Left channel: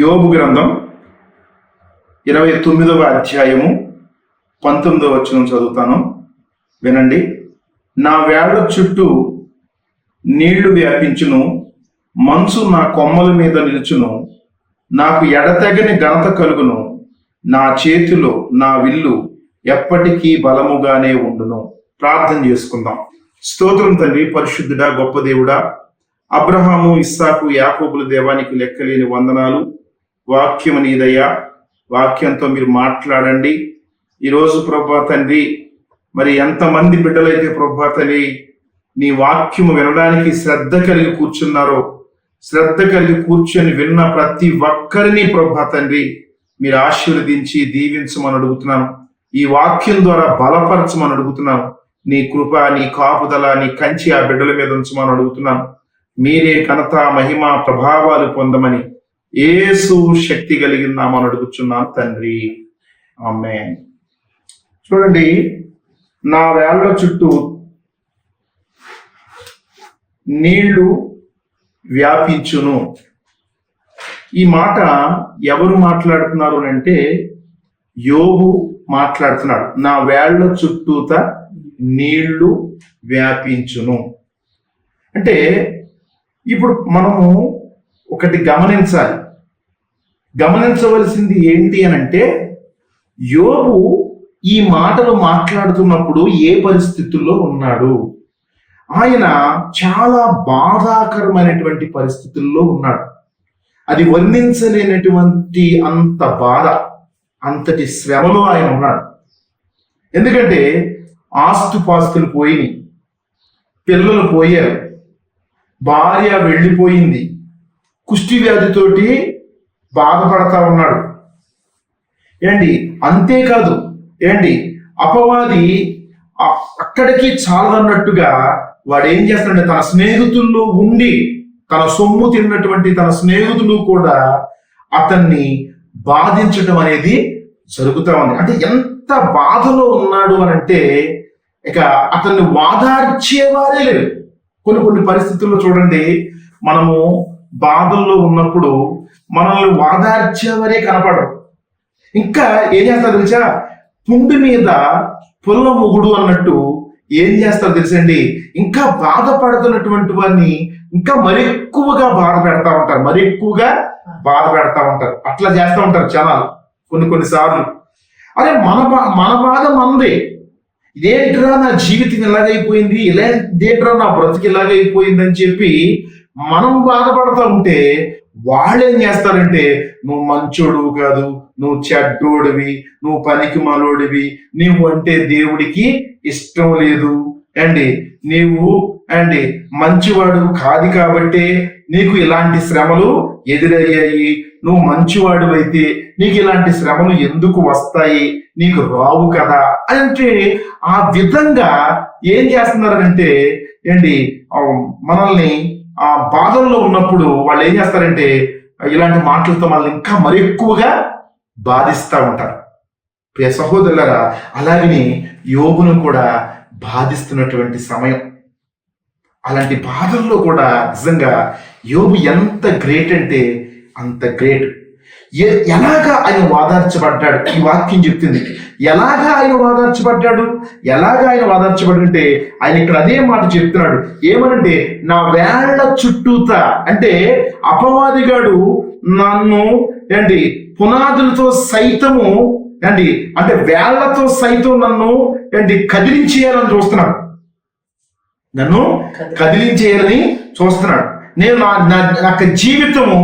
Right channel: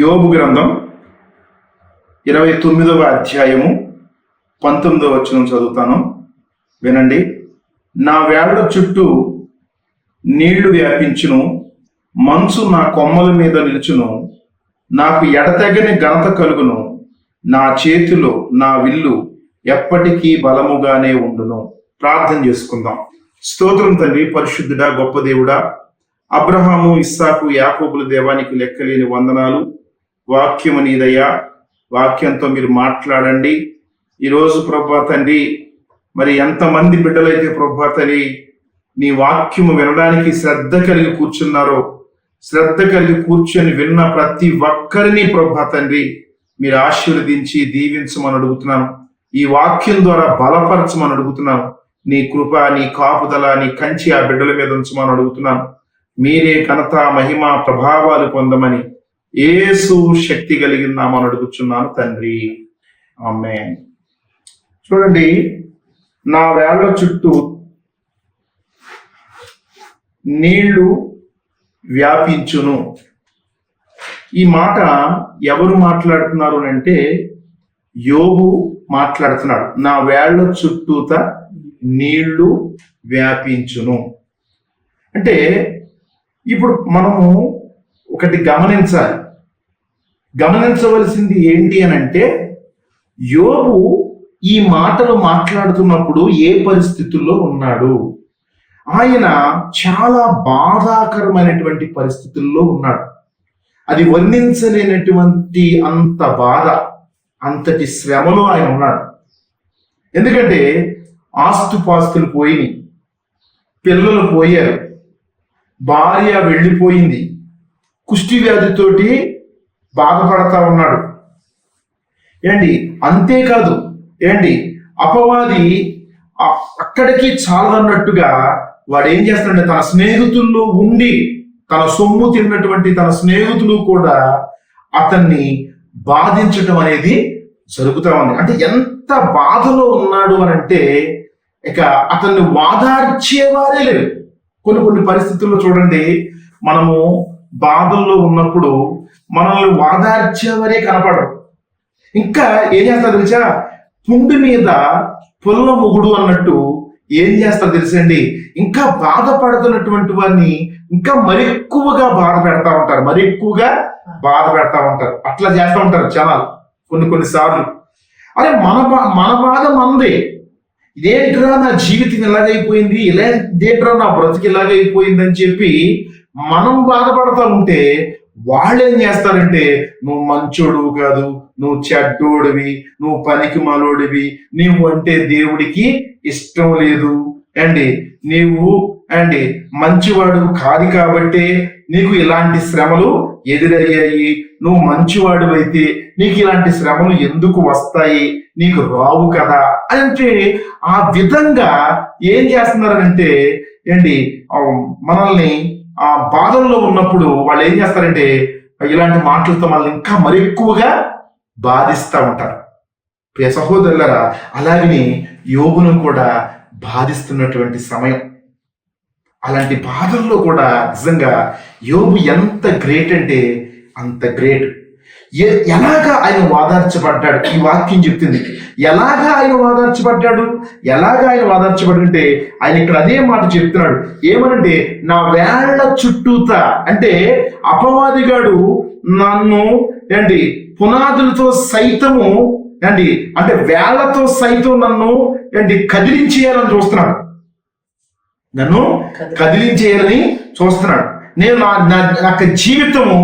యోబు గ్రంథం 29వ అధ్యాయము 19వ వచనం చదువుతాను, వినండి. నా వేళ్ల చుట్టూ నీళ్లు వ్యాపించును, మంచు నా కొమ్మల మీద నిలుచును, నాకు ఎడతెగని ఘనత కలుగును, నా చేతులు నా విల్లు ఎప్పటికీ బలముగానే ఉండును. ప్రార్థన చేసుకుందాం. స్తోత్రం తండ్రి, పరిశుద్ధుడా, గొప్ప దేవుడా, అబ్రహాము, ఇస్సాకు, యాకోబుల దేవానికి లెక్కలేని వందనాలు. వాక్యము నీదయ్యా, వాక్యంతో మీరు మాట్లాడండి. ఈరోజు ప్రభా తండ్రి, మరి ఎంతమంది బిడ్డలైతే ప్రభా తండ్రి నీ వాక్యము వినడానికి శ్రద్ధ కలిగి కూర్చున్నారో, శ్రద్ధ కలిగి కూర్చొని విన్న ప్రతి ఒక్కరిని ప్రభా తండ్రి మీరు ఆశీర్వదించి దీవించమని అడుగుతున్నాను. ఈ వాక్యం ద్వారా బలపరచమని అడుగుతున్నాను. నీ కృప, నీ కాపుదల, నీ కంచి ఆ బిడ్డల మీద ఉంచమని అడుగుతున్నాను. మీరే ఘనత, మహిమ, ప్రభావాలు పొందమని యేసు శక్తి కలిగిన నామమున అడుగుచున్నాను తండ్రి, ఆమేన్. చూడండి, నా వేళ్ల చుట్టూ నీళ్లు వ్యాపించును. ఈ మాట ఎవరు మాట్లాడుతున్నారు అంటే యోబు మాట్లాడుతున్నాడు. నా వేళ్ల చుట్టూత నీళ్లు వ్యాపించును అంటే ఇప్పుడు మనము ఒకటి గమనించవలసింది ఏంటి అని అంటే, యోబు ఈ మాటలు మాట్లాడుతున్నప్పుడు ఏ పరిస్థితుల్లో ఉన్నాడు? ఆయన చాలా బాధాకరమైనటువంటి పరిస్థితుల్లో ఉన్నాడు. అది వర్ణించలేనటువంటి అంత బాధ, అంతటి శ్రమలో ఆయన ఉన్నాడు. ఎందుకంటే ఆస్తుపాస్తులు పోయినాయి, పిల్లలు పోయారు, భార్య వెళ్ళిపోయింది, కుష్టి వ్యాధితోటి బాధపడతా ఉన్నాడు. అంతేకాదు అపవాది అక్కడికి చాలన్నట్టుగా వాడు ఏం చేస్తాడంటే, తన స్నేహితుల్లో ఉండి తన సొమ్ము తిన్నటువంటి తన స్నేహితులు కూడా అతన్ని బాధించడం అనేది జరుగుతా ఉంది. అంటే ఎంత బాధలో ఉన్నాడు అని అంటే, ఇక అతన్ని వాదార్చేవారే కొన్ని పరిస్థితుల్లో చూడండి, మనము బాధల్లో ఉన్నప్పుడు మనల్ని వాదార్చేవారే కనపడరు. ఇంకా ఏం చేస్తారు తెలుసా, పుండు మీద పొల్ల ముగుడు అన్నట్టు ఏం చేస్తారు తెలుసండి, ఇంకా బాధపడుతున్నటువంటి వారిని ఇంకా మరి ఎక్కువగా బాధ పెడతా ఉంటారు. అట్లా చేస్తూ ఉంటారు జనాలు కొన్నిసార్లు. అరే మన బాధ మనదే. ఇదేంట్రా నా జీవితం ఇలాగైపోయింది, ఇదేంట్రా నా బ్రతుకు ఇలాగైపోయింది అని చెప్పి మనం బాధపడతా ఉంటే వాళ్ళు ఏం చేస్తారంటే, నువ్వు మంచోడు కాదు, నువ్వు చెడ్డోడివి, నువ్వు పనికి మాలోడివి, నువ్వు అంటే దేవుడికి ఇష్టం లేదు, నీవు మంచివాడు కాదు కాబట్టి నీకు ఇలాంటి శ్రమలు ఎదురయ్యాయి, నువ్వు మంచివాడు అయితే నీకు ఇలాంటి శ్రమలు ఎందుకు వస్తాయి, నీకు రావు కదా అంటే ఆ విధంగా ఏం చేస్తున్నారంటే మనల్ని ఆ బాధల్లో ఉన్నప్పుడు వాళ్ళు ఏం చేస్తారంటే ఇలాంటి మాటలతో మనల్ని ఇంకా మరి ఎక్కువగా బాధిస్తూ ఉంటారు. సహోదరులారా, అలాగే యోబును కూడా బాధిస్తున్నటువంటి సమయం. అలాంటి బాధల్లో కూడా నిజంగా యోబు ఎంత గ్రేట్ అంటే అంత గ్రేట్. ఎలాగా ఆయన వాదార్చబడ్డాడు ఈ వాక్యం చెప్తుంది. ఎలాగా ఆయన వాదార్చబడ్డంటే ఆయన ఇక్కడ అదే మాట చెప్తున్నాడు. ఏమనంటే, నా వేళ్ల చుట్టూత అంటే అపవాదిగాడు నన్ను పునాదులతో సైతము అంటే వేళ్లతో సైతం నన్ను కదిలించేయాలని చూస్తున్నాడు. నేను నాకు జీవితము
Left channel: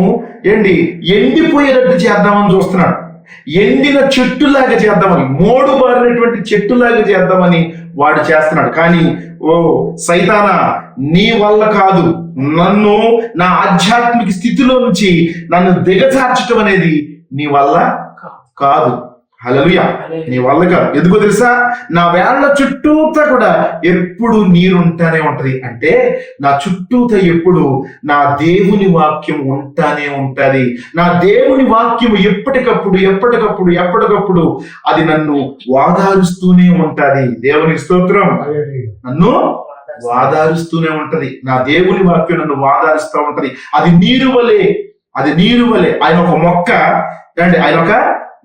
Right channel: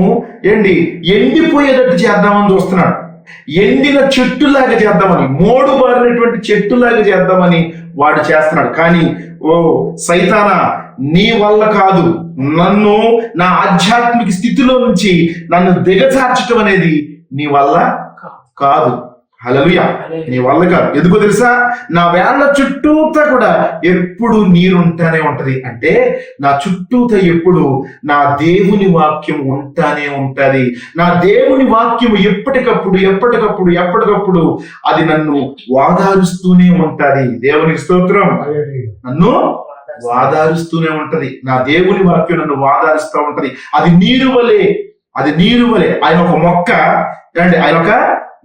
ఎండిపోయేటట్టు చేద్దామని చూస్తున్నాడు. ఎండిన చెట్టులాగా చేద్దామని, మూడు మారినటువంటి చెట్టులాగా చేద్దామని వాడు చేస్తున్నాడు. కానీ సైతానా, నీ వల్ల కాదు, నన్ను నా ఆధ్యాత్మిక స్థితిలో నుంచి నన్ను దిగజార్చడం అనేది నీ వల్ల కాదు. హల్లెలూయా, నీ వల్ల కాదు. ఎందుకో తెలుసా, నా వేళ్ల చుట్టూతా కూడా ఎప్పుడు నీరుంటానే ఉంటది. అంటే నా చుట్టూతా ఎప్పుడు నా దేవుని వాక్యం ఉంటానే ఉంటది. నా దేవుని వాక్యం ఎప్పటికప్పుడు అది నన్ను వాదారుస్తూనే ఉంటది. దేవుని స్తోత్రం. నన్ను వాదారుస్తూనే ఉంటది. నా దేవుని వాక్యం నన్ను వాదారుస్తూ ఉంటది. అది నీరు వలె అది నీరు వలె. ఆయన ఒక మొక్క అండి, ఆయన ఒక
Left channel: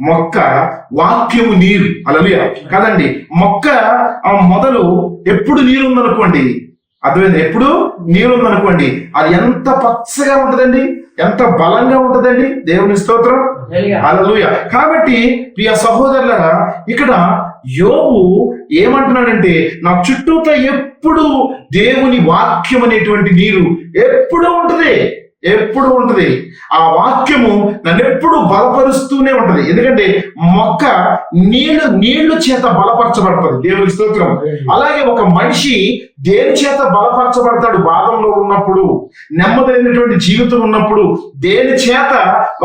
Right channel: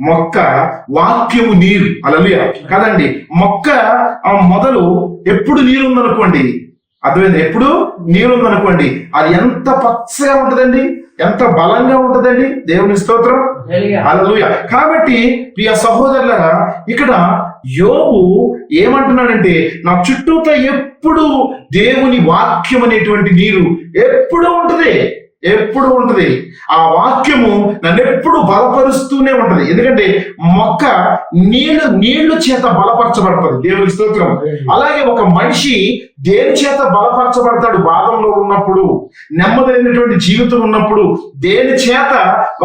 మొక్క, వాక్యము నీరు. అలానే కదండి, మొక్క మొదలు ఎప్పుడు నీరు ఉందనుకోండి, అర్థమైంది, ఎప్పుడు నీరు ఉందనుకోండి, అది ఎంత పచ్చగా ఉంటదండి, ఎంత బలంగా ఉంటదండి. దేవుని స్తోత్రం, హల్లెలూయా. కాబట్టి ప్రియ సహోదరులారా, ఇక్కడ యోబు ఏమంటున్నాడంటే, నా చుట్టూతో ఎప్పుడు దేవుని వాక్యం అనేటువంటి నీరు ఎప్పుడు ఉంటుంది, ఎప్పుడు ఉంటుంది. ఆ వాక్యము నన్ను ఎప్పుడు బలపరుస్తూనే ఉంటది. ఎందుకంటే మొక్క నీళ్లు చేత బలపరచబడుతుంది. దేవుని స్తోత్రం. అలాగే ఒక మనిషి దేని చేత బలపరచబడతాడు? బాధల్లో ఉన్నప్పుడు, నెమ్మదైనటువంటి జీవితం ఉన్నప్పుడు దేని చేత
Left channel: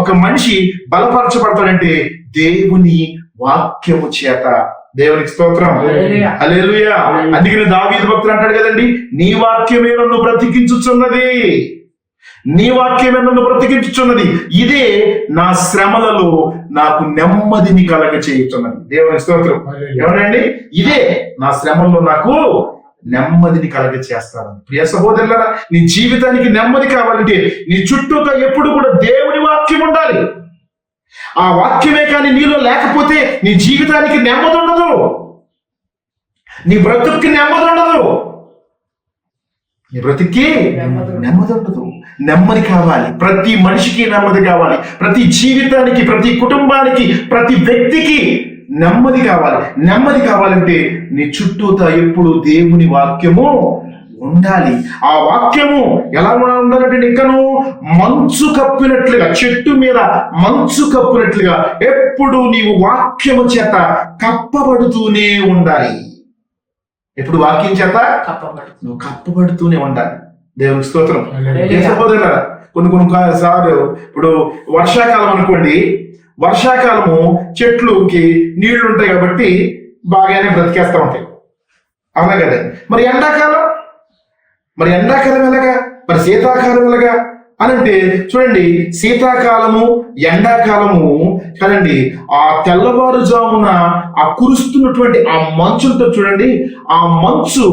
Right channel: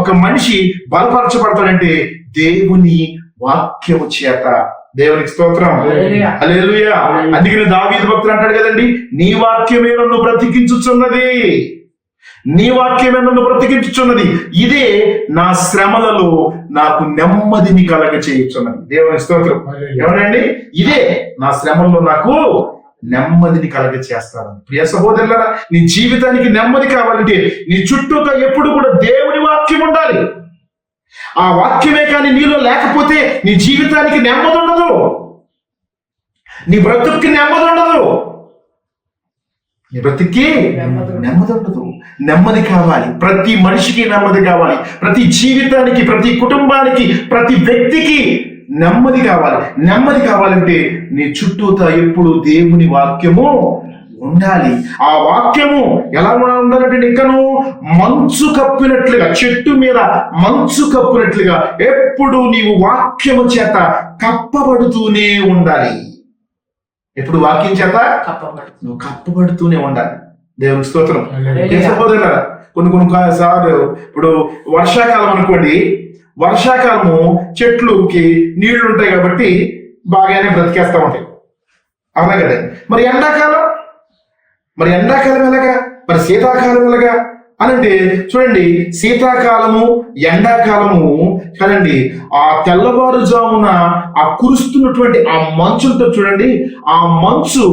ఒక మనిషి బలపరచబడతాడంటే దేవుని వాక్యము చేత. దేవునికి స్తోత్రం, హల్లెలూయా. అందుకని దావీదు భక్తుడు అంటాడు కదండి, నీ వాక్యమే నన్ను బ్రతికించుచున్నది, నీ వాక్యమే నన్ను బ్రతికించుచున్నది, ఇదే నా శ్రమలలో నాకు నెమ్మదిని కలగ చేయుచున్నది. దేవుని స్తోత్రం. ఎవరండి? ఇదే నా శ్రమల్లో నాకు నెమ్మదిని కలగ చేస్తాను. ప్రియ సహోదరులారా, నీ జీవితానికి నెమ్మది కావాలంటే నీ చుట్టూతో ఎప్పుడు కూడా దేవుని వాక్యం ఉండాలి. ఆ వాక్యమే కానీ నీలో లేకపోతే నీ జీవితానికి నెమ్మది ఉండదు, నీ బ్రతుక్కి నెమ్మది ఉండదు, నీ బ్రతుక్కి నెమ్మది ఉండదు. నెమ్మది కావాలి, ప్రతి మనిషికి నెమ్మది కావాలి, ప్రతి జీవితానికి, ప్రతి కుటుంబానికి, ప్రతి వ్యక్తికి నెమ్మది కావాలి. నెమ్మది కావాలంటే నీ చుట్టూతో ఎప్పుడు దేవుని వాక్యము ఉండాలి. ఆ వాక్యము ఎలా ఉండాలంటే, ఇంకను మంచు కప్పినట్లుగా, చెట్టు మీద మంచు కప్పినట్లుగా ఎప్పుడు నీవు వాక్యము చేత కప్పబడుతూనే ఉండాలి. ఎప్పుడు వాక్యం చేత నువ్వు కప్పబడుతూనే ఉండాలి. దేవుని స్తోత్రం. కొన్ని సార్లు ఇప్పుడు వర్షాకాలం అనుకోండి, వర్షాకాలము చెట్లుకి నీళ్లు ఉంటాయి కాబట్టి బాగానే బ్రతికేస్తా ఉంటాయి, అలాగే. మరి ఎండాకాలం ఎలాగా, మరి శీతాకాలం ఎలాగా అని అంటే చూడండి, శీతాకాలము ఎండాకాలము కదండి, ఆ తెల్లవారుజామున ఆ కురుస్తున్నటువంటి ఆ మంచుతో చూడండి, ఆ మంచు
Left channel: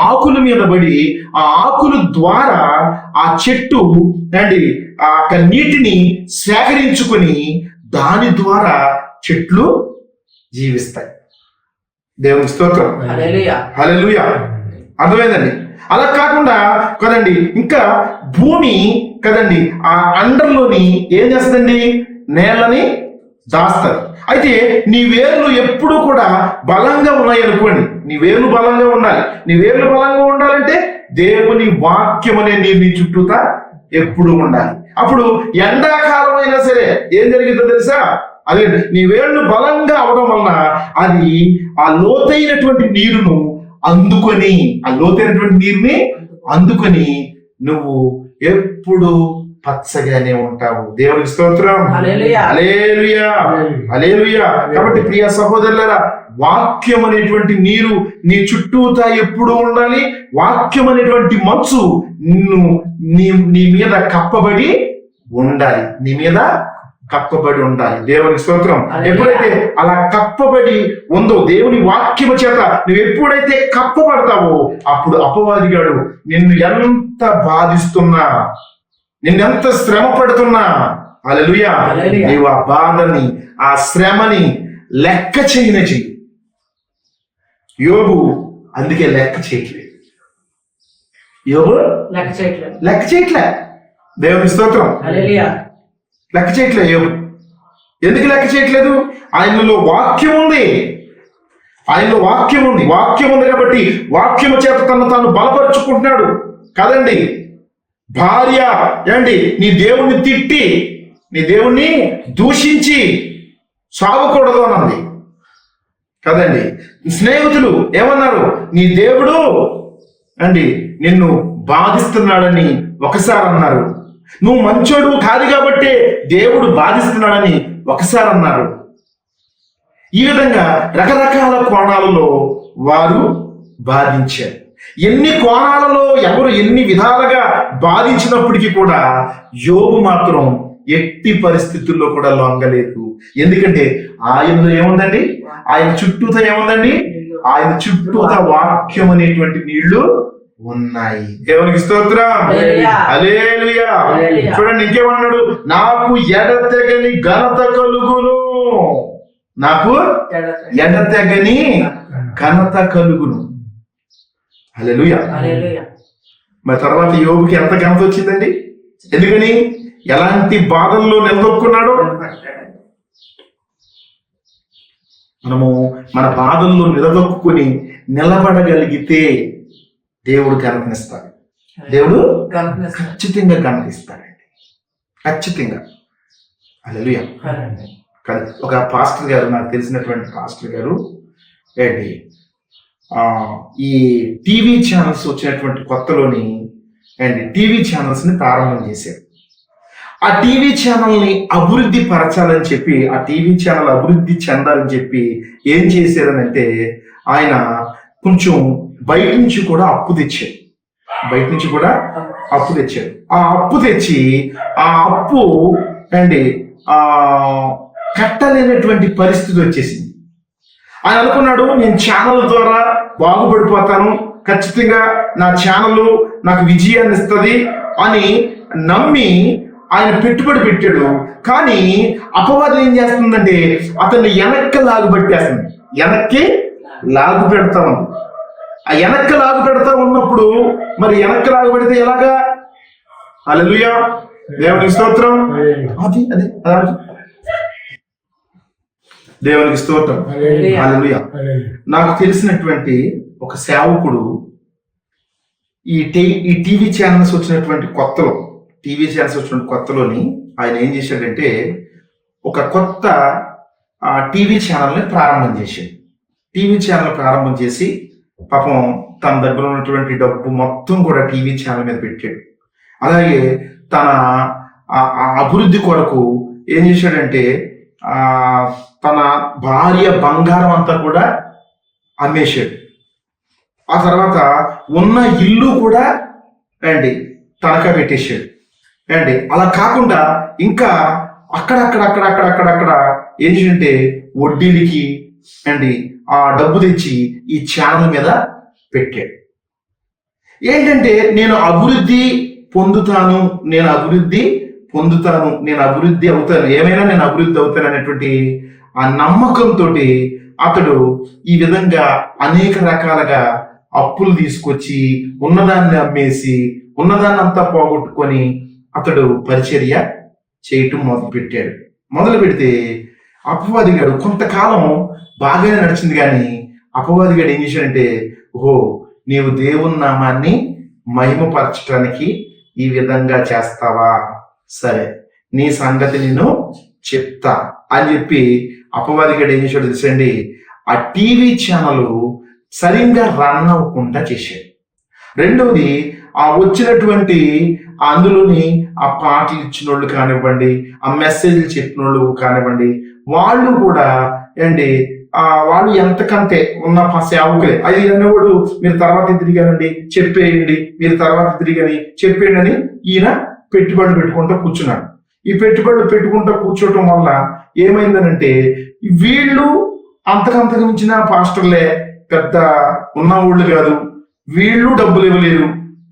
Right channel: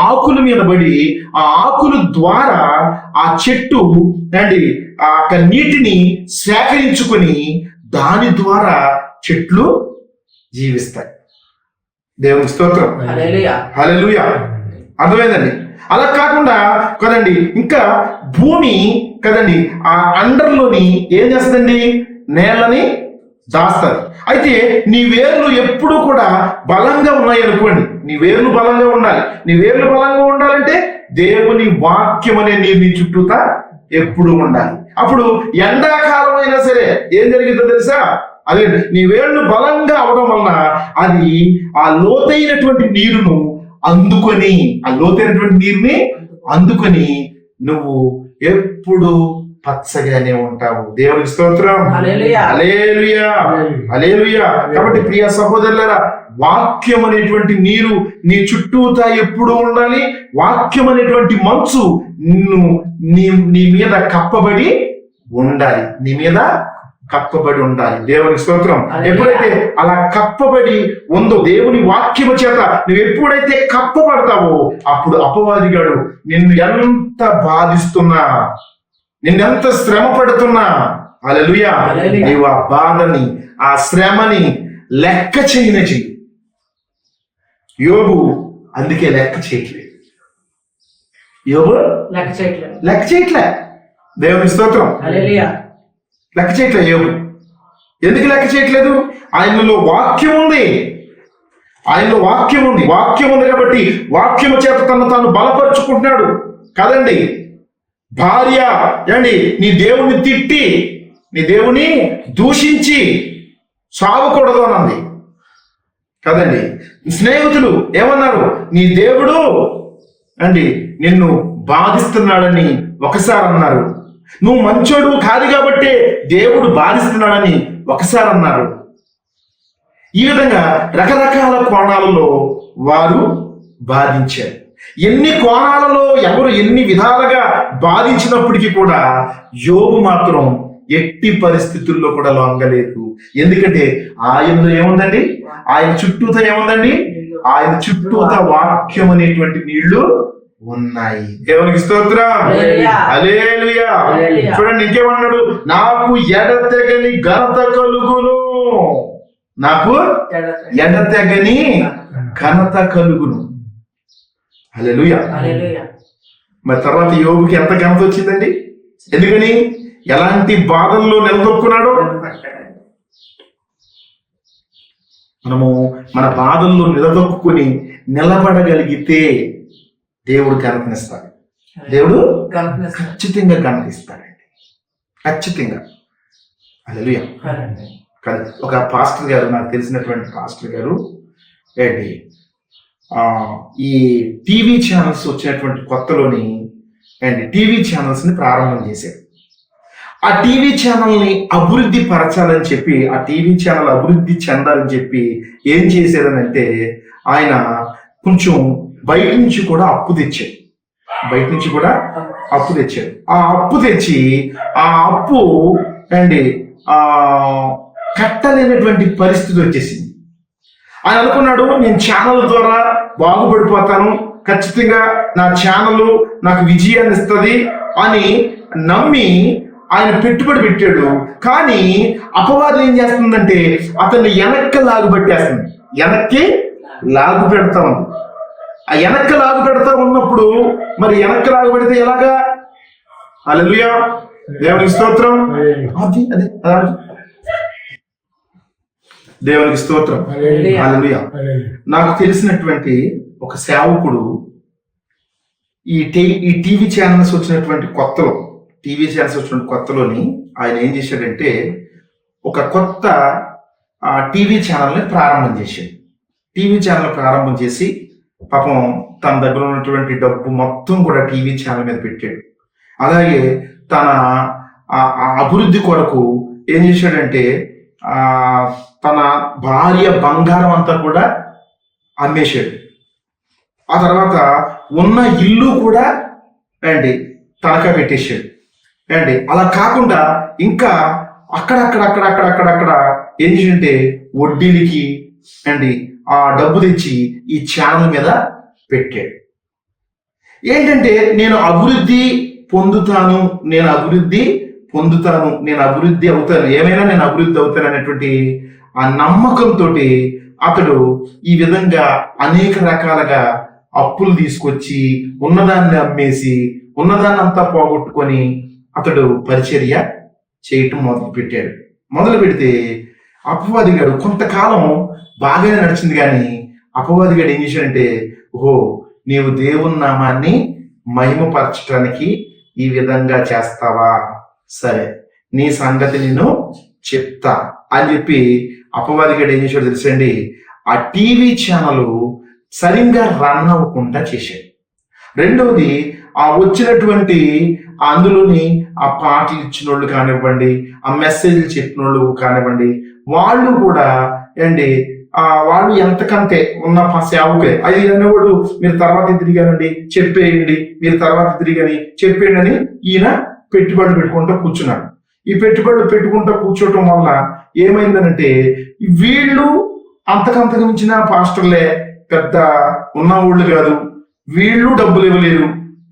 ఆకుల మీద పడి ఆ ఆకుల ద్వారా ఆ చెట్టు అండి ఆ నీటిని సేకరించుకుని దాని ద్వారా చెట్లు జీవిస్తాయి. దేవుని స్తోత్రం, హల్లెలూయా. అర్థమైందండి? అలా కాకుండా కదండి, ఇంకా భూమి కదండి ఆ ఎండర్లోని ఏం చేస్తుందండి, నేలని దాస్తుంది. అయితే నీ వేర్లు ఎప్పుడు కూడా బలంగా ఉన్నాయి అనుకోండి, నీ వేర్లు బలంగా ఉండాలి. నీ వేర్లు బలంగా ఉండాలంటే దేవుని వాక్యం అనే నీ చుట్టూతా ఎప్పుడు ఉండాలి. అప్పుడు ఎండాకాలం అయినా సరే ఏం జరిగిందో తెలుసా? అదే నీ వేళ్ళు బలంగా అవడం వలన అవి ఆ లోతైనటువంటి నీరును అందుకొని, ఆ లోతైనటువంటి నీరుని అందుకొని నువ్వు ఎప్పుడు పచ్చగానే ఉంటావు. దేవుని స్తోత్రం, హల్లెలూయా, హల్లెలూయా. కాబట్టి ప్రియ సహోదరులారా, వాక్యం అనేటువంటి నీరు నీ చుట్టూతా ఎప్పుడు ఉండాలి. వాక్యం అనేటువంటి మంచు నీ మీద కప్పబడి ఉండాలి, నీ మీద కప్పబడి ఉండాలి. దేవుని స్తోత్రం. ఎప్పుడైతే అలా కప్పబడి ఉందో దేవుని వాక్యము చేత నువ్వు ఎప్పుడైతే కప్పబడతావో అప్పుడు అపవాదిగాడు నిన్ను ఎంత బాధిస్తున్నా, నిన్నెంత శ్రమ పడుతున్నా, హల్లెలూయా, నీవు ఆ బాధని, ఆ శ్రమని లెక్క చేయలేదు. యోబు అందుకే లెక్క చేయట్లేదు. యోబు లెక్క చేయట్లే. దేవుని స్తోత్రం, హల్లెలూయా. లెక్క చేయట్లేదు యోబు. ఎందుకు లెక్క చేయట్లేదు? ఆయనలో వాక్యం ఉంది, ఆయనలో వాక్యం ఉంది. వాక్యం ఉంది కాబట్టి వాక్యము చేత తను తాను బలపరుచుకుంటున్నాడు కదండి. భార్య ఏంటి, నీ దేవుణ్ణి తిట్టి, నీ దేవుని దూషించి సాగకూడదు అన్నది కదండి. స్నేహితులు ఏమన్నారు, నీ దేవుడు అండి నిన్ను బాధిస్తున్నాడని ఒకసారి అన్నారు. నువ్వు మంచోడు కాదు కాబట్టి దేవుడు బాధిస్తున్నాడని ఒకసారి అన్నారు. ఈ విధంగా రకరకాల కోణాలలో వారు బాధించారు. ఎన్ని కోణాలలో ఎవరు ఎన్ని విధాలుగా బాధించినప్పటికీ కూడా యోబు మాత్రం ఎట్టి పరిస్థితుల్లో కూడా లొంగలేదు. ఎందుకంటే ఆయనలో ఏముందండి, ఆయన చుట్టూతో ఏముందండి, ఆయన చుట్టూతో వాక్యం అనేటువంటి నీళ్లు ఉన్నాయి. దేవునికి స్తోత్రం. హల్లెలూయా. హల్లెలూయా. హల్లెలూయా. చూడండి ఇంకేమన్నాడు, నాకు ఎడతెగని ఘనత కలుగును. నాకు ఎడతెగని ఘనత కలుగును. హల్లెలూయా. హల్లెలూయా. మరి తర్వాత యోబుకి ఎంత ఘనత వచ్చిందండి? ఎందుకని? ఎలాంటి బాధల్లో నిలదొక్కున్నాడు? మనము మన బాధల్లో నిలదొక్కుని నిలబడగలిగితే దేవుడు కనిపిస్తాడు. దేవుడు ఖచ్చితంగా కనిపిస్తాడండి, ఖచ్చితంగా. హల్లెలూయా. కానీ ఒక పాస్టర్ గారు, నాకు తెలిసినటువంటి పాస్టర్ గారు ఏంటి, ఈ టీవీ ఛానల్స్ వచ్చినటువంటి కొత్తలోని ఏంటి టీవీ ఛానల్స్ ని ప్రారంభం చేశారు. ఆ టీవీ ఛానల్ ని అభివృద్ధి పరచాలని చెప్పి, ఆ టీవీ ఛానల్ అభివృద్ధి చెందాలని చెప్పి ఏం చేశారనంటే, ఆయన కొంచెం బయట నుంచి కూడా అప్పు తెచ్చారు. బయట నుంచి కూడా అప్పు తెచ్చారు. ఆ అప్పు తెచ్చి ఆ అప్పు అండి కట్టలేనటువంటి పరిస్థితి వచ్చేసింది. ఆయన అనుకున్నాడు, నేను ఛానల్ ద్వారా బాగుపడిపోతాను, ఖచ్చితంగా నా ఛానల్ నాకు విజయాన్ని ఇస్తుంది అని నమ్మి ఆయన పెట్టుబడి పెట్టాడు. కానీ అపవాదం ఏం చేస్తుందంటే అతన్ని వెనక్కి లాగు పెట్టేస్తుంది. వెనక్కి లాగు పెడతాం. ఆ వెనక్కి లాగు పెడతా ఉన్నప్పుడు మరి వెనక్కి లాగు పెడితే ఎలాగా? హల్లెలూయా. దేవునికి స్తోత్రం. దేవునికి స్తోత్రం. హల్లెలూయా. నాకు తెలిసినటువంటి ఒక సేవకుడు ఈ టీవీ ఛానల్స్ వచ్చినటువంటి కొత్తలోని ఆయన ఏం చేశాడంటే ఒక కొత్త టీవీ ఛానల్ని ప్రారంభం చేసింది. టీవీ ఛానల్ ప్రారంభం చేసి పాపం తన దగ్గర ఉన్నటువంటి డబ్బు మొత్తం కూడా టీవీ ఛానల్ మీద పెట్టాడు. అలాగే తన అభివృద్ధి కొరకు ఏం చేశాడంటే తన భార్య బంగారం అంతా కూడా అమ్మేశాడు. ఆ తర్వాత ఉన్న ఇల్లు కూడా అండి తనఖా పెట్టేశాడు. అండి అలా కాకుండా ఇంకా అక్కడక్కడ ఏం చేసింటే వడ్డీలకి అండి ఆ డబ్బు తెచ్చి ఈ ఛానల్ మీద పెట్టాడు. ఏంటంటే నేను అభివృద్ధి పొందుతాను, నేను అభివృద్ధి అవుతాను, ఏమైనా నేను అభివృద్ధి అవుతాను అనేటువంటి ఆ నమ్మకంతో అతడు ఈ విధంగా అనేక రకాలుగా అప్పులు తీసుకొచ్చి ఉన్నదాన్ని అమ్మేసి ఉన్నదాన్ని అంతా పోగొట్టుకొని అతడు పరిచర్య చేయటం మొదలు పెడితే అపవాది గారు కొంతకాలం బాగానే నడిచింది. కానీ అపవాది గారు ఏం చేశాడంటే, నీవు దేవుని నామాన్ని మహిమపరచడానికి ఈ విధంగా చేస్తావా, సరే నీ సంగతి నేను చెప్తా అని చెప్పి అపవాది గారు ఏం చేశాడు తెలుసండి, ఆ టీవీ ఛానల్ సరిగ్గా రన్ అవ్వకుండా చేశాడు. రెండవది వచ్చినటువంటి అందులోని ఆ పాటలు ఇచ్చిన వాళ్ళు కానివ్వండి, ఆ మెసేజ్లు చెప్పిన వాళ్ళు కానివ్వండి, వాళ్ళు కూడా అండి వాళ్ళు ఎంతకంటే ఉన్న సేవకే అది అన్నవాడు మీరు తర్వాత తిరిగానండి చెప్పేయండి, మీరు తర్వాత తిరిగని చెప్పేయండి అని ఈయన పెట్టుబడులు పెట్టుకుంటూ కూర్చున్నాడు. ఈ పెట్టుబడులు పెట్టుకుంటూ కూర్చోవటం వల్ల ఏమైందనంటే వీళ్ళు అంతకంతకు మించిన పాస్టర్లే, పెద్ద ఉన్నవాళ్ళు కాదు, వీళ్ళు డబ్బులు ఇవ్వలేరు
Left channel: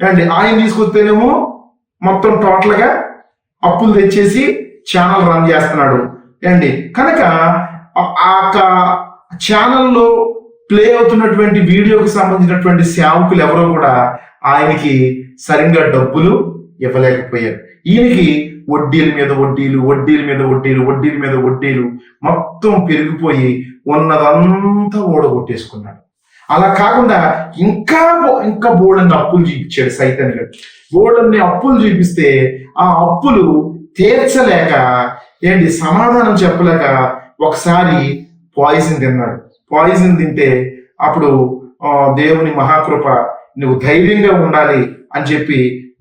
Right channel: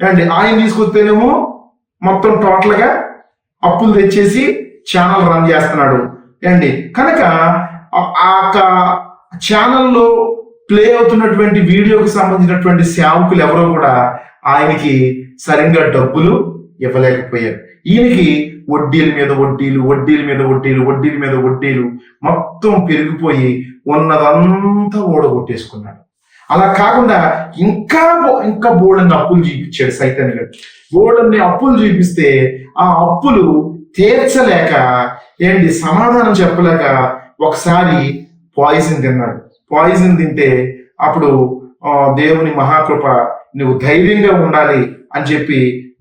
అండి. ఆయన తీసుకొస్తేనేమో మొత్తం టోటల్ గా అప్పులు తెచ్చేసి ఛానల్ రన్ చేస్తున్నాడు అండి. కనుక ఆ ఛానల్లో ప్లే అవుతున్నటువంటి వీడియోకి సంబంధించినటువంటి సేవకులు ఎవరో కూడా ఆయనకి సరిగ్గా డబ్బులు ఇవ్వలేకపోయారు. ఈయనకి వడ్డీల మీద వడ్డీలు మొత్తం పెరిగిపోయి ఉన్నదంతా ఓడగొట్టేసుకున్నాడు. అలా కాకుండా ఇంకా బోర్డన్ని అప్పులు చూపించాడు సైతాన్ని. బోర్డన్ని అప్పులు చూపిస్తే ఆ అప్పులు తీర్చలేక సమాధానం చెప్పలేక ఒకసారి పాయిజన్ తిన్నాడు. పాయిజన్ తింటే అప్పుడు దేవుని మహాకృప, నువ్వు ధైర్యంగా ఉండాలి అని చెప్పి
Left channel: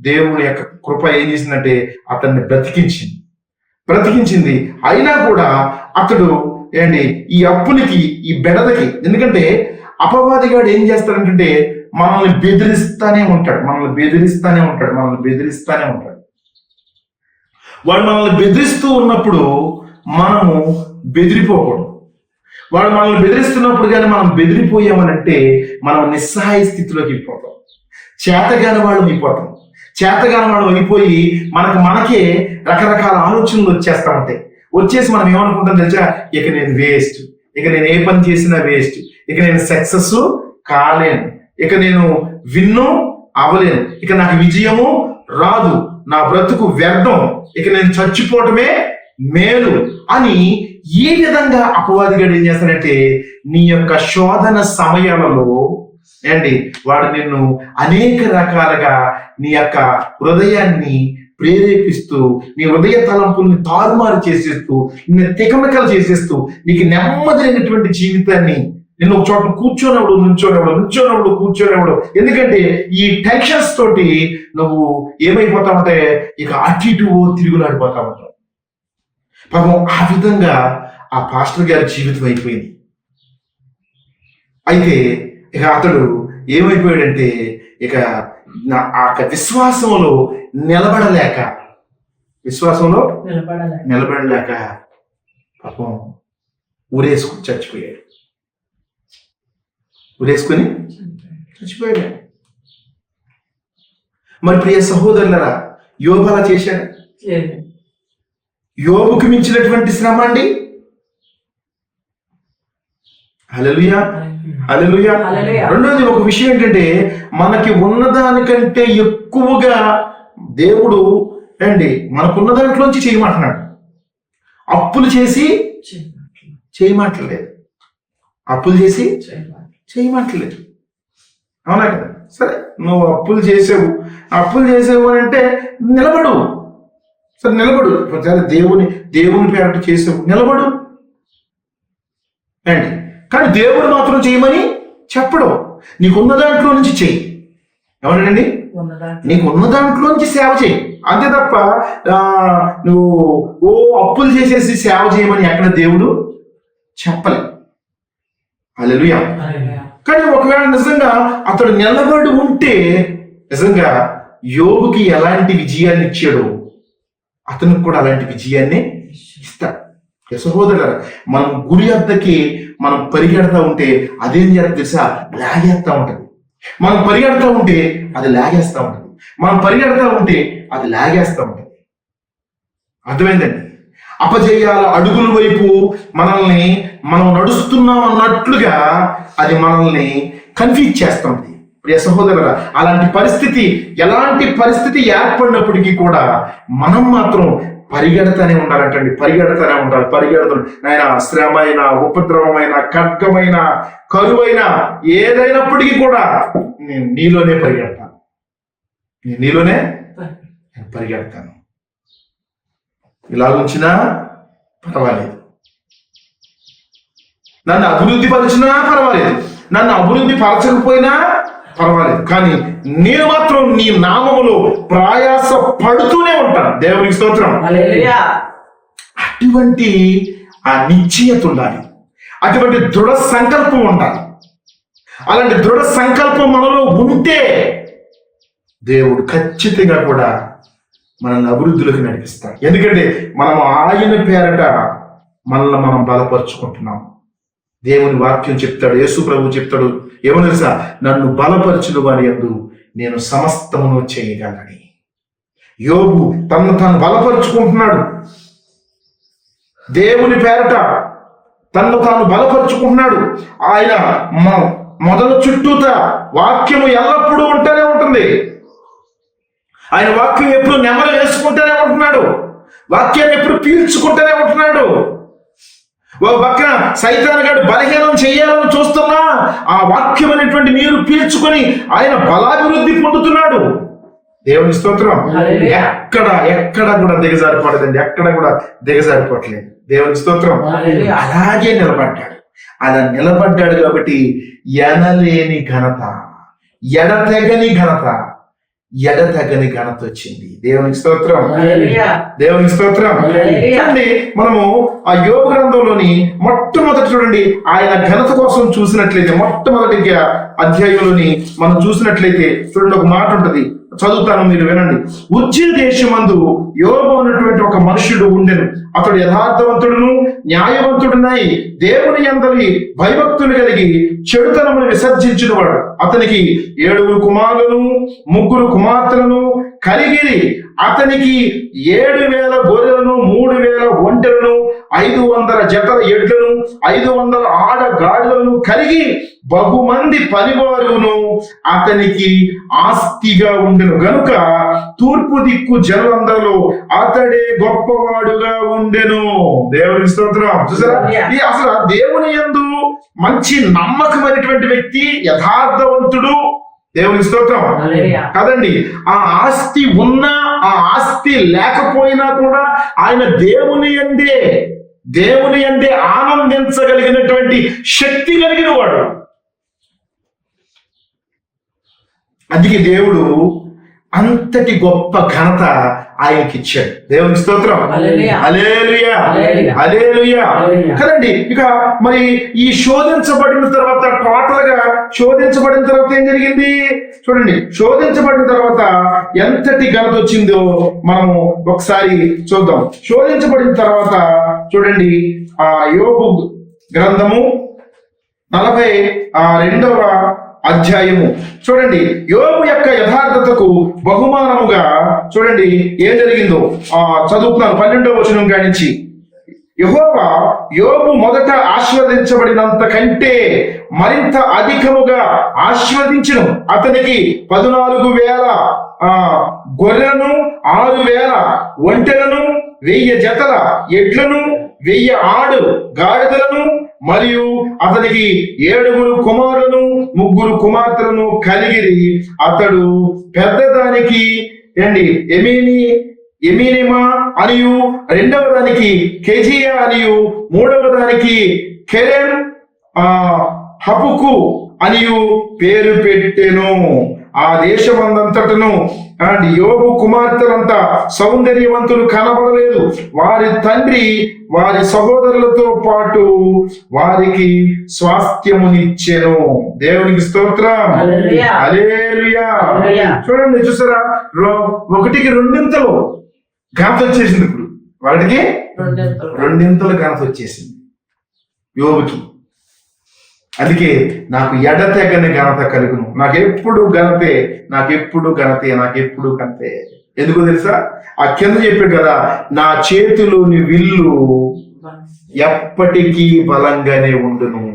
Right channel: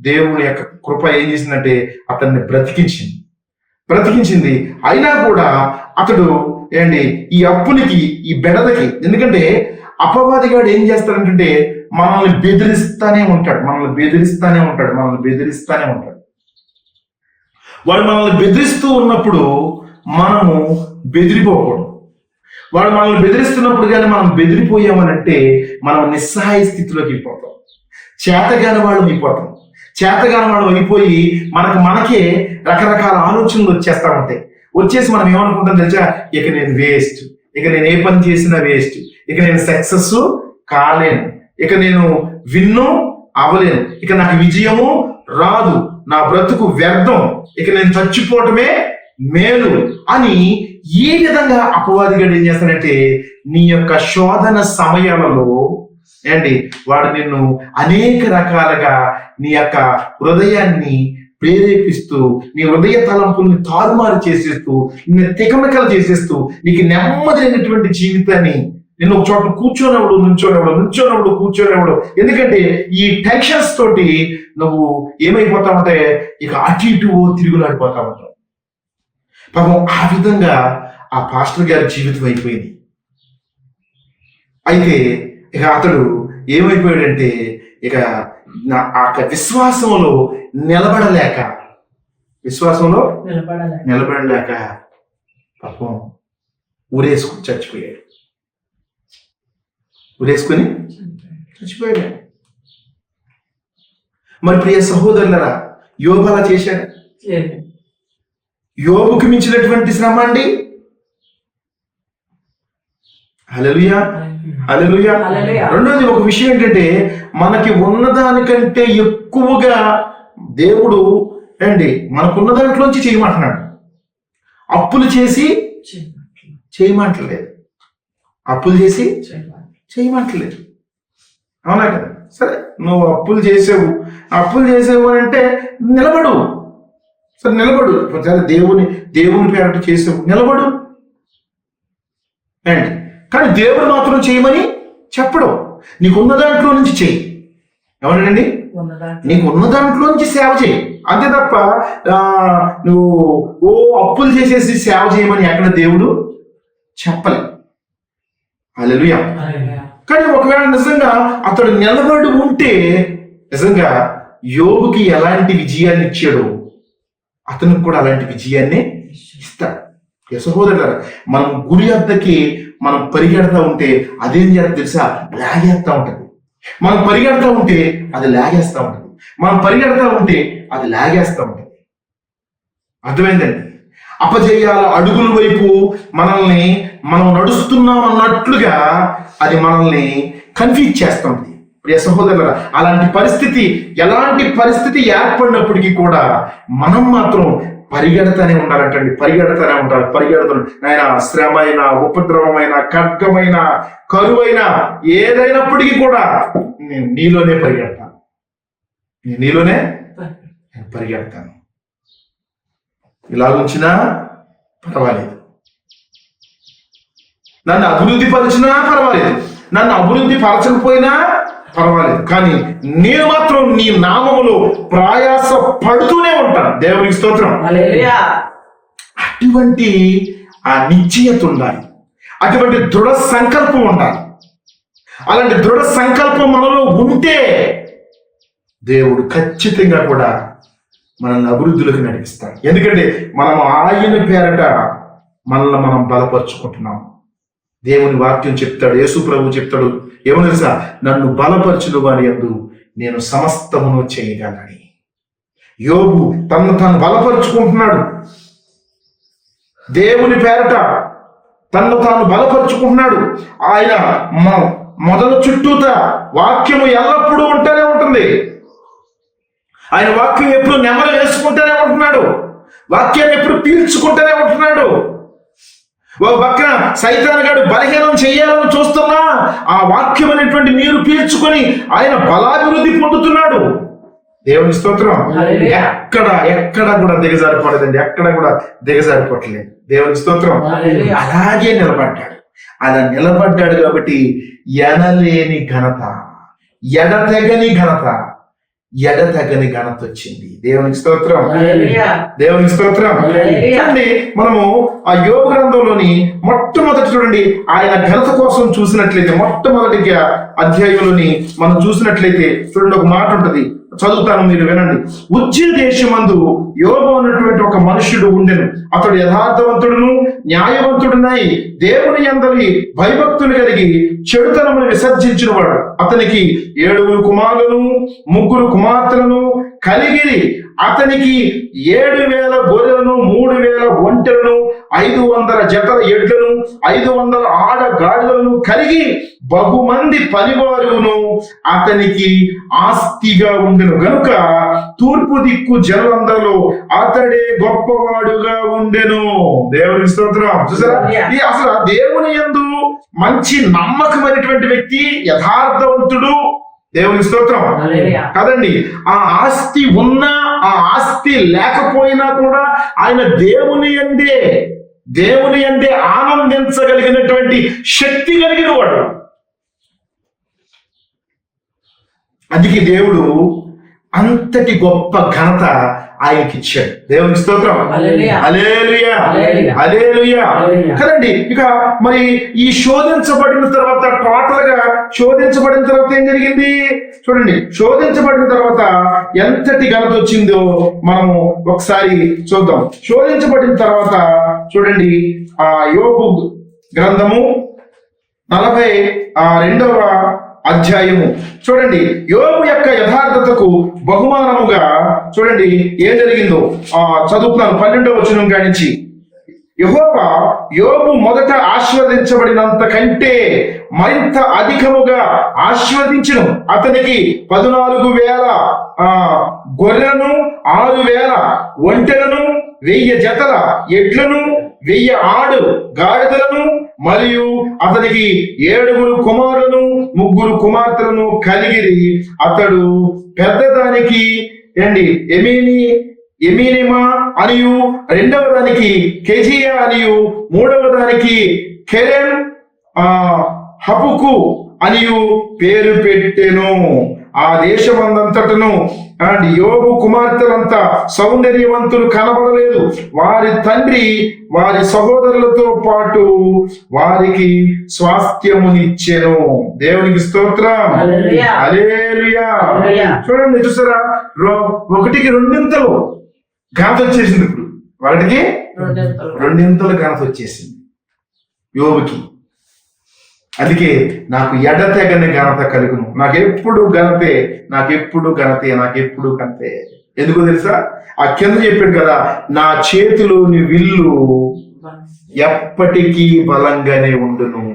దేవుని యొక్క కృప ఏం చేసిందంటే అతన్ని బ్రతికించింది. అయినా కూడా అతడు ఈ అప్పులకి, ఈ బెడదకి, ఎందుకంటే అపవాదిగాడు ఏం చేస్తాడంటే మనల్ని బెదిరిస్తానే ఉంటాడు. వాడు మనల్ని బెదిరిస్తూ ఉన్నప్పుడు మనము బెదిరిపోకూడదు. వాడు మనల్ని బెదిరిస్తున్నప్పుడు కానీ మనం బెదిరిపోయామనంటే మనం నిస్సహాయ స్థితిలోకి వెళ్ళిపోతాం. చేతగాని వాళ్ళు అయిపోతాం. చేతగాని వాళ్ళు అయిపోయి మనకే రకరకాల ఆలోచనలు వచ్చేస్తా ఉంటాయి. వచ్చేసి మనం ఏమనుకుంటాం తెలుసా, ఇక నేను వేస్ట్, ఇక నేను ఏ పని చేసినా వేస్ట్, ఇక నేను సక్సెస్ కాలేను, ఇక నేను విన్ను అవ్వలేను, ఇక నాకు విజయము రాదు, నా బ్రతుకు వ్యర్థం, ఇక నేను చచ్చిపోవటమే మేలు అని ఏ విధంగా అపవాదిగా ఏం చేస్తాడంటే నీ యొక్క శోధన సమయాలలో ఏంటి వాడు నిన్ను అనేక రకాలుగా నీ యొక్క హృదయాన్ని ప్రేరేపిస్తూ, నీ హృదయ తలంపుల్ని తారుమారు చేసేస్తూ, నిన్ను తికమకలు చేసేస్తూ, నీకు నెమ్మదైనటువంటి జీవితాన్ని నిన్ను ఒక చోట నుంచోనవుడు కూర్చోనవుడు. ఎందుకంటే ఈ టెన్షన్స్ తోటి నువ్వు ఏమైపోతా ఉంటే ఇక అటు ఇటు తిరుగులాడిపోతా ఉంటావు. పాపం ఆ విధంగా ఆ పాస్టర్ గారి జీవితం అయిపోయింది. అయితే ఇక అతడు ఏమైపోయాడంటే ఇక ఆ విశ్వాసంలో నిలబడలేక పాపం ఊరేసుకుని చచ్చిపోయాడు. మరి ప్రియ సహోదరులారా, యోబు అలా చేశాడు? యోబుకు మించినటువంటి శ్రమ అండి. హల్లెలూయా, హల్లెలూయా. రెండోది ఒక విషయం ఏంటంటే మనకి ఉన్నదానికంటే ఎక్కువగా దేవుడు అండి మనకున్న దాంట్లోంచి చేయమంటున్నాడు. అప్పులు చేసి చేయమంటలేదు, అవునా కదా? సరే, నువ్వు అప్పులు చేసావు అంటే నిలబడు. సరే నిలబడు. సరే దేవుని పేరట చేసావు, నిలబడు. కానీ దేవుడు మాత్రం చేయమని చెప్పడం. నీకున్న దాంట్లో నుంచి చేయి. ఎవరండి? నీకున్న దాంట్లో నుంచి సేవ చేయి. అంతే తప్ప నువ్వు అప్పులు చేసేసి సేవ చేయమని ఎక్కడ దేవుడు చెప్పలే. హల్లెలూయా. కానీ ఒకవేళ నిజంగా అతడు నిలబడి ఉంటే నిజంగా యోబుకి ఎలాంటి విజయాన్ని ఇచ్చాడో అతనికి కూడా అలాంటి విజయాన్ని ఇస్తాడు. సహోదరులు, మనం గురి వద్దకి మనం పరిగెడతా ఉంటే అదేం చేయాలి తెలుసా? లాగేస్తా ఉంటుంది. మనం పరిగెడతా ఉంటే అది లాగేస్తా ఉంటుంది. మనం పరిగెడతా ఉంటే అది లాగేస్తా ఉంటుంది. అర్థమైందండి? అపజయాల అడుగుల వైపు మనం నడుస్తున్నాం అన్నట్లుగా అది మనల్ని కన్ఫ్యూజ్ చేస్తా ఉంది. ప్రియ సహోదరులారా, ఎలాంటి పరిస్థితి ఏర్పడినప్పటికీ కూడా మనం మాత్రం పరిగెడతానే ఉండాలంటండి. పరిగెడతాను. నాయన శ్రమైన, ఉపద్రవమైన, ఖడ్గమైన, కరువైన ఏదైనప్పటికీ కూడా నేను నీలోనే పరిగెడతాను. ఇలా ఉంచినా పర్వాలేదు, నన్ను అభివృద్ధి పరిచినా పర్వాలేదు, నన్ను అభివృద్ధి పరచకపోయినా పర్వాలేదు, కానీ నేను మాత్రం నీ నామములో ప్రయాస పడుతూనే ఉంటాను. దేవునికి స్తోత్రం. అటువంటి ఆ నిశ్చయత ఉండాలి, అటువంటి దృఢ సంకల్పం ఉండాలి. అలాంటి దృఢ సంకల్పం మనలో ఉంటే దేవుడు ఖచ్చితంగా కూడా మనల్ని అభివృద్ధిలోకి నడిపిస్తాడు. ఎందుకంటే మనం ఆయన పేరట మనల్ని మనం బలపరుచుకుంటున్నాం. దేవుని వాక్యం చెప్తాడు, యేసు ప్రభు చెప్తాడు, ఏమన్నా నన్ను బలపరచుడు వాని యందు నేను సమస్తమును చేయగలని. యోబు తను బలపరుచుకుంటున్నాడు. దేవుని పేరట తను బలపరుచుకుంటున్నాడు. ఆయన మొదలు చుట్టూత వాక్యము ఎల్లప్పుడూ ఉంటూనే ఉంటుంది. ఆయన వాక్యం ఎప్పుడు నెమరు వేసుకుంటూనే ఉంటున్నాడు. వాక్యాన్ని ఎప్పుడు పీల్చుకుంటూనే ఉంటున్నాడు. ఒక పక్కన సైతాన్ గారు బలహీనం చేయాలని చూస్తున్నా ఆ వాక్యం అనేటువంటి నీరు పీల్చుకొని ఆయన బలాభివృద్ధి పొందుతున్నాడు. దేవుని స్తోత్రం. ఎక్కడ కూడా దిగజారిపోవట్లేదు, ఎక్కడ కూడా దిగజారిపోవట్లేదు. దేవుని స్తోత్రం. అలాగే నిలబడ్డాడు. అలా నిలబడ్డాడు కాబట్టి ఎడతెగని ఘనత వచ్చింది. దేవునికి స్తోత్రం. చూడండి, మనము ఆ యోబు గ్రంథంలోని మొట్టమొదటి చూడండి, ఆయన ఘనత కోసం చూసినట్లయితే మొట్టమొదటి అధ్యాయంలోని మనం చూసినట్లయితే చూడండి, ఒక మాట ఉంటుంది. చదువుతాను, మీరు వినండి. ఉజ్జీ దేశమందు యోబు అన్నటువంటి ఒక మనుషుడు ఉండెను. అతడు యథార్థవంతుడును న్యాయవంతుడునై దేవుని యందలి భయభక్తులు కలిగి చెడుతనమును విసర్జించినవాడు. అతనికి 7 కుమారులను 3 కుమార్తెలను కలిగి అతనికి 7,000 గొర్రెలను 3,000 ఒంటెలను 500 జతల ఎడ్లను 500 ఆడగాడులను కలిగి బహుమంది పనివారును అతనికి ఆస్తిగా ఉండెను గనుక తూర్పు దిక్కు జనమందరిలో అతడే గొప్పవాడుగా ఉండెను. దేవుని స్తోత్రం. చూసారా, ఇది అసలు దేవుని యందు మంచి నమ్మకమైనటువంటి వ్యక్తి, యథార్థవంతుడు. దేవుని స్తోత్రం కదండి. ఆ ఆస్తి ఉన్నా ఆ ఆస్తి లేకపోయినా కూడా ఆయన దేవుని యందే ఆనందించగలిగినటువంటి శక్తి కలిగిన వాడు. అందుకే దేవుడు అంతటి గొప్ప ఘనత ఆయనకి ఇచ్చాడు. దేవుని స్తోత్రం. హల్లెలూయా, హల్లెలూయా కదండి. ఇక మరి ఈ శోధించబడిన తర్వాత టోటల్ గా శోధించబడిన తర్వాత ఏం జరిగింది చూడండి. శోధించబడిన తర్వాత ఎంతటి ఘనత వచ్చిందో మనం ఒకసారి చూద్దాం. శోధించబడిన తర్వాత చూడండి, యోబు గ్రంథము 42వ అధ్యాయం చూడండి. యోబు యొక్క యథార్థతకు బహుమానముగా చూడండి ఏం జరిగిందో చదువుతున్నాను. 12వ వచనం కానించి, యెహోవా యోబు మొదట ఆశీర్వదించబడినంత కంటే మరింత అధికముగా ఆశీర్వదించును. అతనికి 14,000 గొర్రెలను 6,000 ఒంటెలను 1000 జతల ఎడ్లను 1000 ఆడు గాడిదలను మరియు అతనికి 7 కుమారులను 3 కుమార్తెలను కలిగి అతడు పెద్దదానికి ఎమీనిమా అనియు, 2వ దానికి కెజియా అనియు, 3వ దానికి కెలెన్ హపుకు అనియు పేరు పెట్టెను. ఆ దేశమందంతటను అండ్ యోబు కుమార్తెలంతా సౌందర్యవంతులు కనబడలేదు. వారి తండ్రి వారి సహోదరులతో పాటు వారికి స్వాస్థ్యమునిచ్చెను. దేవునికి స్తోత్రం. హల్లెలూయా. చూడండి, చూసారా, 1కి 2 ఘనత వచ్చేసింది. ఇప్పుడు 1కి 2 ఘనత వచ్చేసింది యోబుకి. అందుకే నాకు ఎడతెగని ఘనత కలుగును. నాకెప్పుడు ఘనతే, నాకెప్పుడు ఘనతే, నాకెప్పుడు ఘనతే. ఎందుకో తెలుసా, ఆ కింద చెప్పాడు కదా, నా చేతిలోని విల్లు ఎప్పటికీ బలంగానే ఉండును.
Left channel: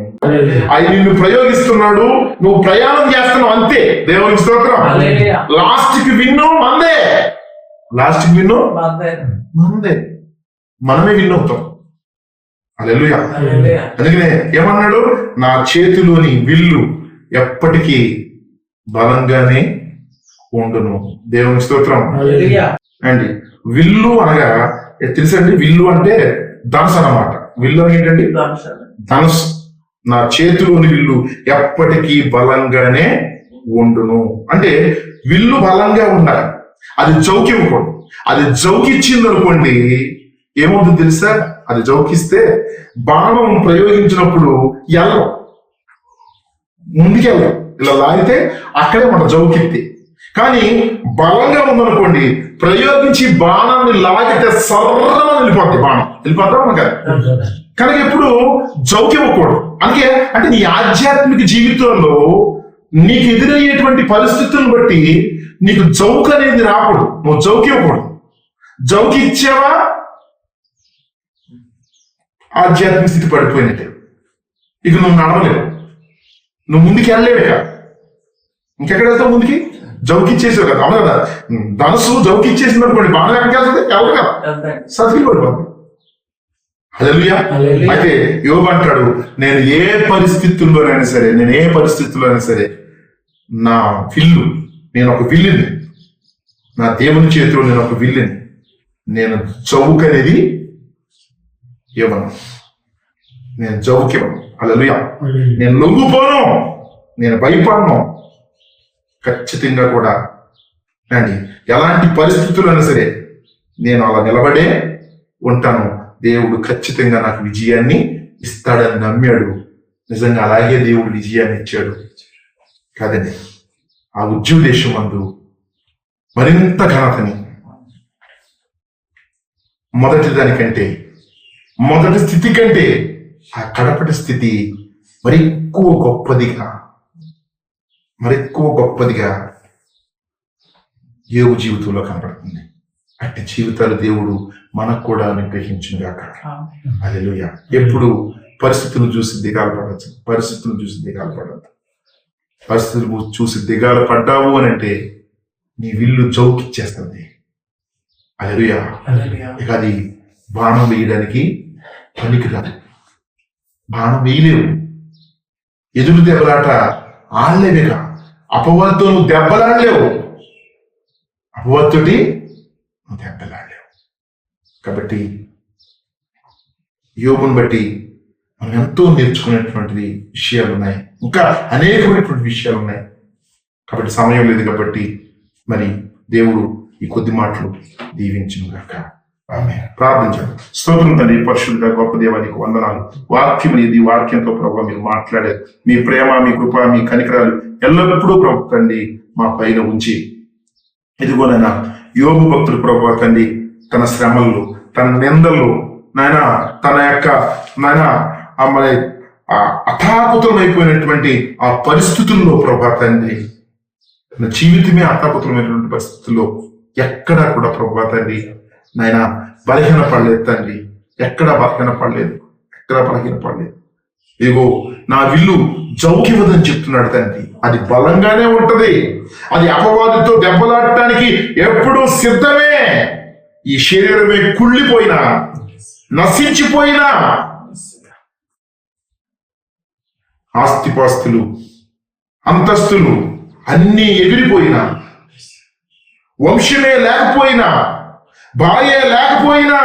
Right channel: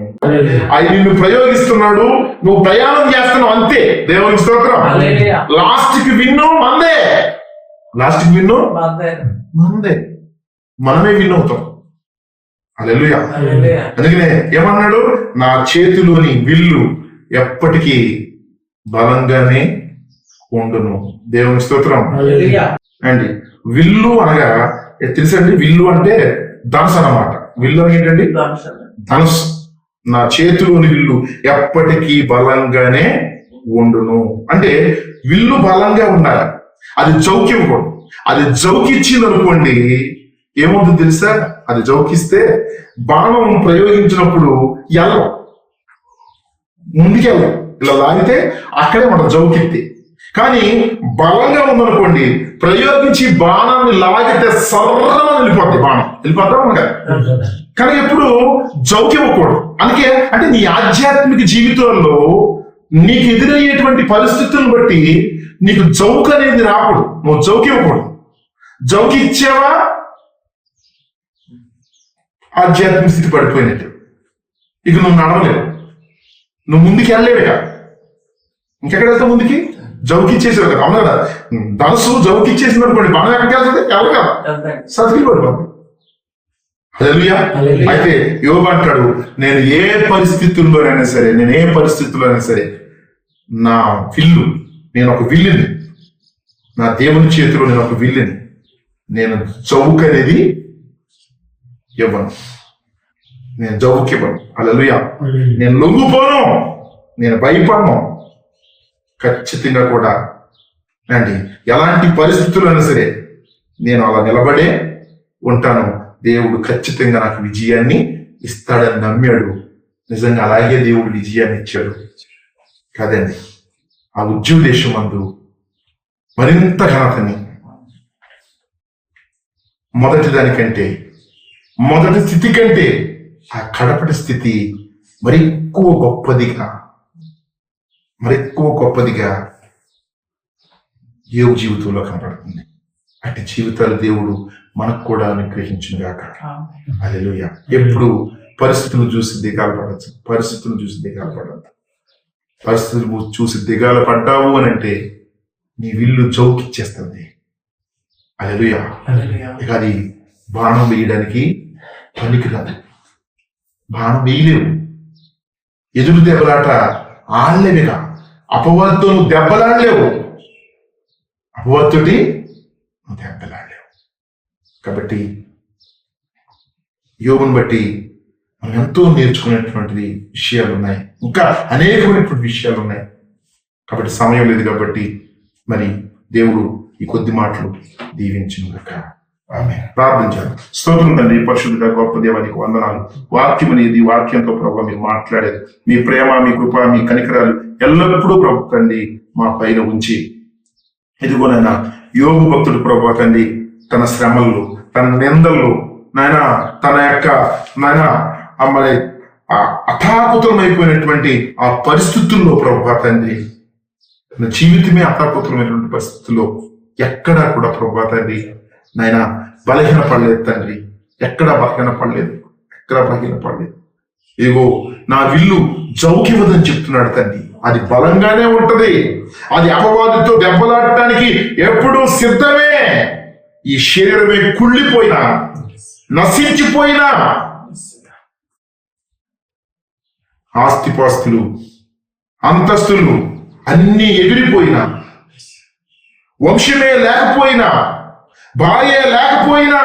అది నిన్ను ప్రయోగిస్తున్నాడు, నువ్వు ప్రయాణం చేస్తున్నావు అంతే. దేవుని స్తోత్రం. లాస్ట్ కి విన్ను మందే, లాస్ట్ కి విన్ను మందే, మనమే విన్ అవుతాం. హల్లెలూయా. అందుకనే ఏమన్నాడు, నా చేతిలోని విల్లు ఎప్పటికీ బలంగానే ఉండును. దేవుని స్తోత్రం అండి. విల్లు అనగా తెలుసండి, విల్లు అంటే ధనుసు అన్నమాట. విల్లు ఏంటంటే ధనుసు. నా చేతిలోని విల్లు ఎప్పటికీ బలంగానే ఉండును అంటే విల్లు బలంగా ఉండాలి. అది జౌకివ్వకూడదు. అది జౌకిచ్చింది అనుకోండి, ఏమవుతుంది తెలుసా, అది జౌకిస్తే బాణం ప్రయోగించినప్పుడు ఎల్లవు, ముందుకెళ్ళదు. ఇలా లాగితే అక్కడ మనం జౌకితే. కానీ బలంగా ఉందనుకోండి, ప్రయోగించి బాణాన్ని లాగితే సర్రగా వెళ్ళిపోద్ది, బాణం వెళ్ళిపోతాం కదా. కానీ ఎప్పుడు జౌకివ్వకూడదు. అందుకే అంటే నీ ఆధ్యాత్మిక జీవితంలో నీకు ఎదురయ్యేటువంటి పరిస్థితులను బట్టి నీకు జౌక్ అనేది రాకూడదు. నువ్వు జౌకివ్వకూడదు. జౌకి ఇచ్చావా ఆధ్యాత్మిక స్థితి పడిపోయినట్టు. ఇక నువ్వు నడవలేవు, నువ్వు ముందుకు వెళ్ళలేవుగా. ఇంకెక్కడ వెళ్తావు ముందుకి? జౌకిచ్చేసాడు కదా, అవును కదా. ధనసు జౌకిచ్చేసినప్పుడు మనకి బాగా వెళ్తుంది, ఎవరు కదా సతికి పడిపోతుంది. అయితే యోబు అంటాడు, నేను ఏ పరిస్థితుల్లోనైనా సరే నా విల్లు, నేను ఒక విల్లుని, నా దేవుని చేతిలో నేను ఒక విల్లుని, నేను చౌక్ అనేది ఇవ్వను, నేను జౌకి ఇవ్వను. హల్లెలూయా. నేను లొంగిపోను, నేను భయపడను. ఖచ్చితంగా కూడా రండి, ఎలాంటి పరిస్థితులైనా సరే నేను అలా నిలబడే ఉంటాను. దేవుడు ఖచ్చితంగా నాకు విజయాన్ని ఇస్తాడని నమ్మాడు. నిజంగా అలాగే దేవుడు విజయాన్ని ఇచ్చాడు కదండి. ఆ ఉజ్జీవ దేశం ముందు మరింత ఘనతని మొదటి దానికంటే, మొదటి స్థితి కంటే ఆ కడపటి స్థితి మరెక్కువ గొప్పదిగా యోగు జీవితంలో కనబడుతుంది. అంటే జీవితాలు దేవుడు మనకు కూడా అనుగ్రహించుగాక. హల్లెలూయా. ఎప్పుడు పరిస్థితులు చూసి దిగాలు పడద్దు. పరిస్థితులు చూసి దిగాలు పడ్డావు అని అంటే నీ విల్లు జౌకిచ్చేస్తుంది. హల్లెలూయా. ఇక నీ బాణం వేయడానికి పనికిరాదు. బాణం వేయలేవు. ఎదురు దిగలాట ఆడలేవేగా. అపవాదితో నువ్వు దెబ్బలాడలేవు. అపవాదితోటి నువ్వు దెబ్బలాడలేవు. కాబట్టి యోగుని బట్టి మనం ఎంతో నేర్చుకునేటువంటిది విషయాలు ఉన్నాయి. ఇంకా అనేకమైనటువంటి విషయాలు ఉన్నాయి. కాబట్టి సమయం లేదు కాబట్టి మరి దేవుడు ఈ కొద్ది మాటలు దీవించును గాక. ఆమేన్. ప్రార్థించాలి. స్తోత్రం తండ్రి, పరిశుద్ధ గొప్ప దేవానికి వందనాలు. వాక్యం అనేది వాక్యంతో ప్రభావ మీరు మాట్లాడారు. మీ ప్రేమ, మీ కృప, మీ కనికరాలు ఎల్లప్పుడూ ప్రభు తండ్రి మా పైన ఉంచి ఇదిగోనైనా యోగు భక్తుడు ప్రభావ తండ్రి తన శ్రమలు, తన నిందలు, నాయన తన యొక్క మరి అథాకుతమైపోయినటువంటి ఆ పరిస్థితుల్లో ప్రభావ తండ్రి తన జీవితమే అథాకుతమైనటువంటి పరిస్థితుల్లో ఎక్కడా కూడా ప్రభావ తండ్రి నాయన బలహీన పడలేదు తండ్రి. ఎక్కడా బలహీన పడలేదు. ఏవో నా విల్లు జౌకివదని చెప్తున్నాడు తండ్రి. అది బలంగానే ఉంటది. అది అపవాదితో దెబ్బలాడటానికి ఎప్పుడూ సిద్ధమే. ఈ శరీరమే కుళ్ళిపోయినా, నశించిపోయినా, ఆస్తిపాస్తులు, అంతస్తులు అన్నీ ఎగిరిపోయినా, వంశమే లేకపోయినా, భార్య లేకపోయినా,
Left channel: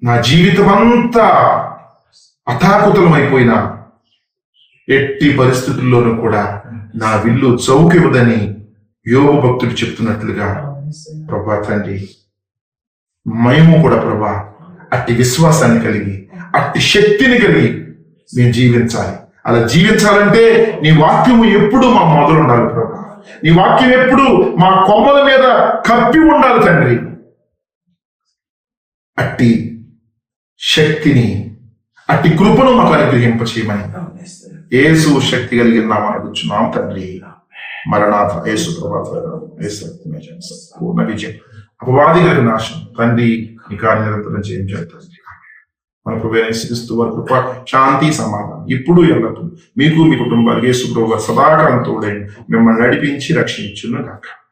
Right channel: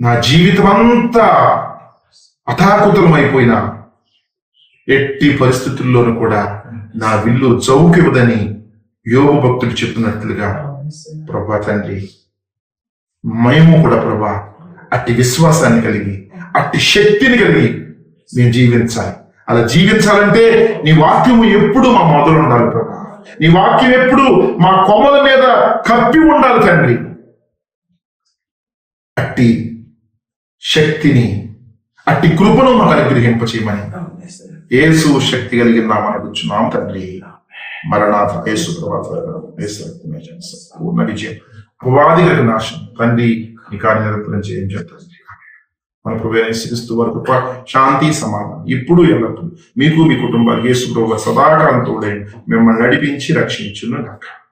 నా జీవితం అంతా అథాకుతమైపోయినా ఎట్టి పరిస్థితుల్లోనూ కూడా నా విల్లు జౌకివదని యోగు భక్తుడు చెప్తున్నట్లుగా ప్రభా తండ్రి మేము కూడా ప్రభా అట్టి విశ్వాసాన్ని కలిగి, అట్టి శక్తిని కలిగి మేము జీవించాలి. అలా జీవించాలంటే నీ వాక్యము ఎప్పుడు మా మొదలు ఉండాలి ప్రభా. నీ వాక్యం ఎప్పుడు మా కొమ్మల మీద కప్పి ఉండాలి తండ్రి. అట్టి శక్తిని, అట్టి కృపను మాకు అనుగ్రహింప చేయమని యేసు శక్తి కలిగిన నామమున అడుగుచున్నాం తండ్రి. మరణాథ. యేసు ప్రభావ పూర్ణ విజయం, అపవాది కలిగిన నాశనం తండ్రి నీ కార్యనిరతం చేయించారు. మన క్రీస్తు వరకు శాంతి సమాధానం ఇప్పుడు ఎల్లప్పుడు మీకు, మీ కుటుంబానికి యేసు ప్రభు సదాకాలం తోడే మిమ్మల్ని నడిపించి రక్షించును గాక.